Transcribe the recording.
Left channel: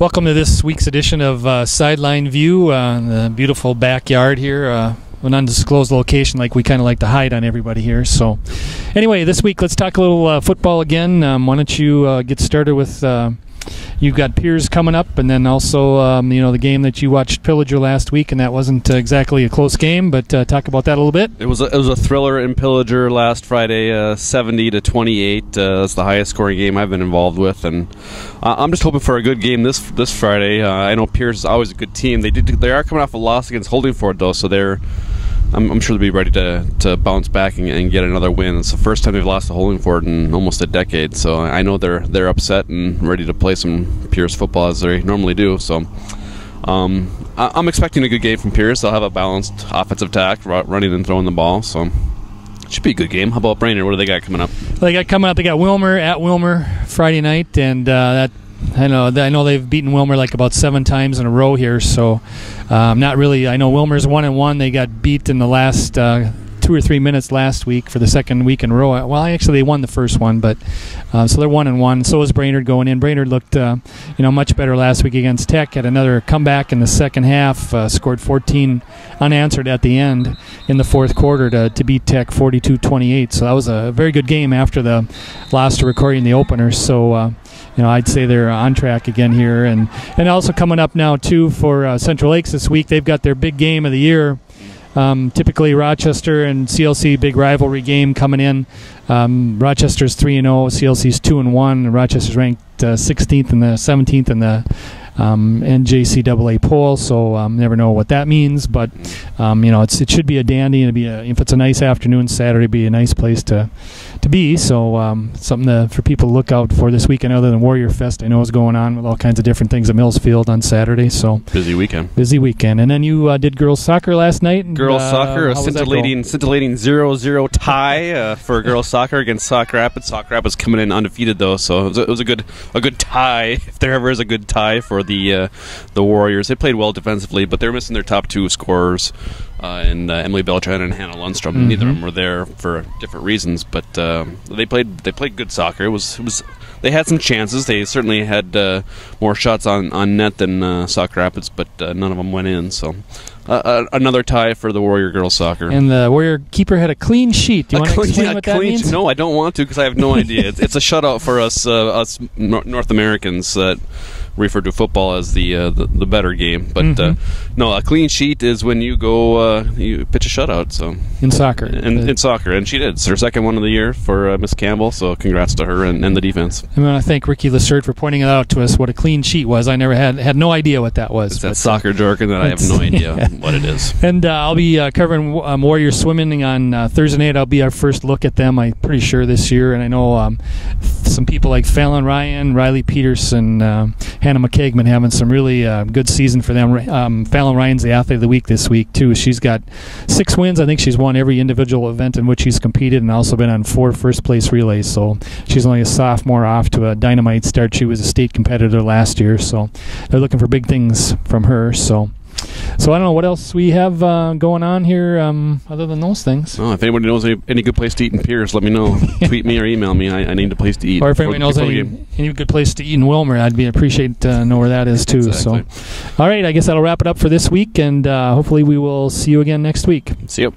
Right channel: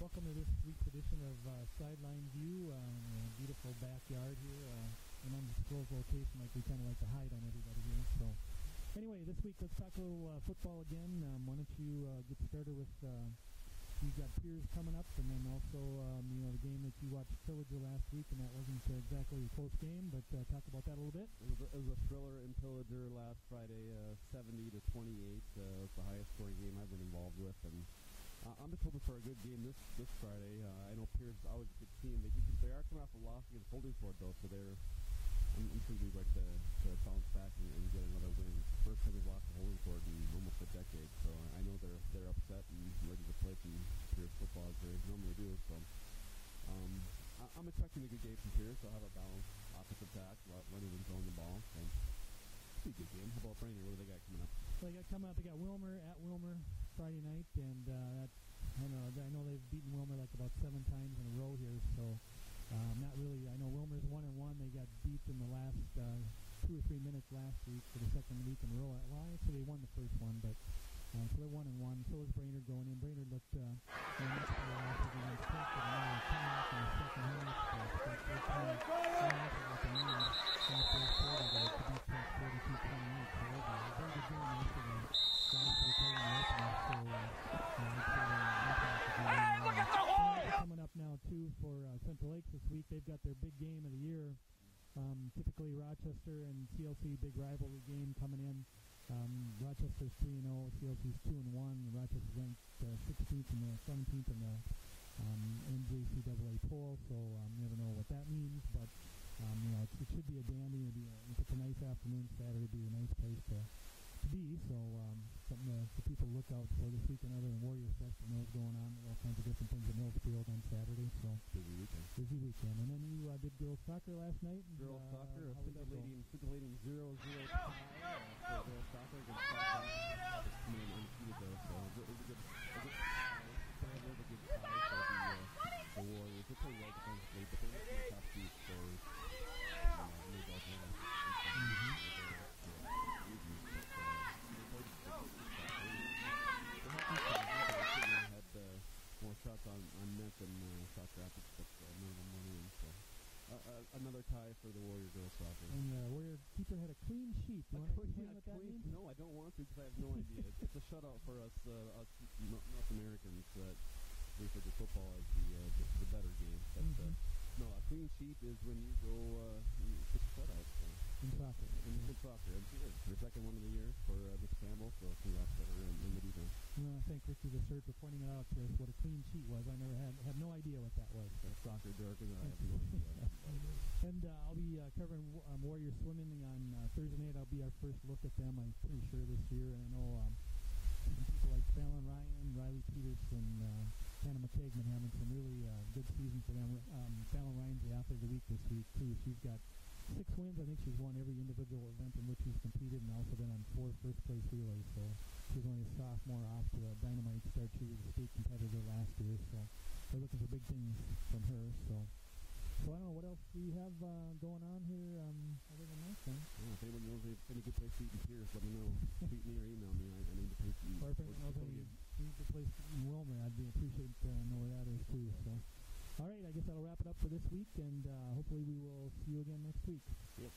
Welcome to this week's edition of Sideline View, the beautiful backyard here, an undisclosed location like we kind of like to hide on everybody here. So anyway, this week let's talk a little football again. Why don't you get started with, you've got Piers coming up, and then also the game that you watched, Pillager, last week, and that wasn't exactly a close game, but talk about that a little bit. It was a thriller in Pillager last Friday, 70-28. That's the highest scoring game I've been involved with, and I'm just hoping for a good game this Friday. I know Piers is always a good team. They are coming off a loss against Holdingford though, so I'm sure they'll be ready to bounce back and get another win. It's the first time they've lost to Holdingford in almost a decade, so I know they're upset and ready to play some Pierce football as they normally do. So I'm expecting a good game from Pierce. They'll have a balanced offensive attack, running and throwing the ball, so it should be a good game. How about Brainerd? What do they got coming up? They got Wilmer at Wilmer Friday night, and that I know they've beaten Wilmer like about 7 times in a row here, so not really. I know Wilmer's 1-1. They got beat in the last 2 or 3 minutes last week for the second week in a row. Well, actually they won the first one, but so they're 1-1. So is Brainerd going in. Brainerd looked much better last week against Tech. Had another comeback in the second half. Scored 14 unanswered at the end in the fourth quarter to beat Tech 42-28. So that was a very good game after the loss to Recording the opener. So I'd say they're on track again here. And also coming up now, too, for Central Lakes this week, they've got their big game of the year. Typically Rochester and CLC, big rivalry game coming in. Rochester's 3-0, CLC's 2-1. Rochester's ranked 16th and the 17th in the NJCAA poll, so never know what that means, but it should be a dandy, and if it's a nice afternoon Saturday, it'd be a nice place to be. So something for people to look out for this weekend, other than Warrior Fest I know is going on with all kinds of different things at Millsfield on Saturday. So busy weekend. And then you did girls soccer last night. And, girls soccer, a scintillating 0-0 tie for girls soccer against Sauk Rapids. Sauk Rapids coming in undefeated though, so it was a good tie, if there ever is a good tie for the Warriors. They played well defensively, but they're missing their top 2 scorers. And Emily Beltran and Hannah Lundstrom. Mm-hmm. Neither of them were there for different reasons, but they played good soccer. It was they had some chances. They certainly had more shots on net than Sauk Rapids, but none of them went in. So another tie for the Warrior girls soccer. And the Warrior keeper had a clean sheet. Do you want to explain what that means? No, I don't want to, because I have no idea. It's a shutout for us North Americans that refer to football as the better game, but no, a clean sheet is when you go you pitch a shutout. So in soccer, in soccer, and she did. It's her second one of the year for Miss Campbell. So congrats to her and the defense. I want to thank Ricky Lessert for pointing it out to us what a clean sheet was. I never had no idea what that was. It's that soccer jargon that I have no idea what it is. And I'll be covering Warrior swimming on Thursday night. I'll be our first look at them, I'm pretty sure, this year. And I know some people like Fallon Ryan, Riley Peterson, Hannah McKeagman having some really good season for them. Fallon Ryan's the athlete of the week this week too. She's got 6 wins. I think she's won every individual event in which she's competed, and also been on 4 first-place relays. So she's only a sophomore, off to a dynamite start. She was a state competitor last year, so they're looking for big things from her. So I don't know what else we have going on here other than those things. Oh, if anybody knows any good place to eat in Pierce, let me know. Tweet me or email me. I need a place to eat. Or if anybody knows any good place to eat in Wilmer, I'd appreciate to know where that is too. Exactly. So, all right, I guess that'll wrap it up for this week, and hopefully we will see you again next week. See you.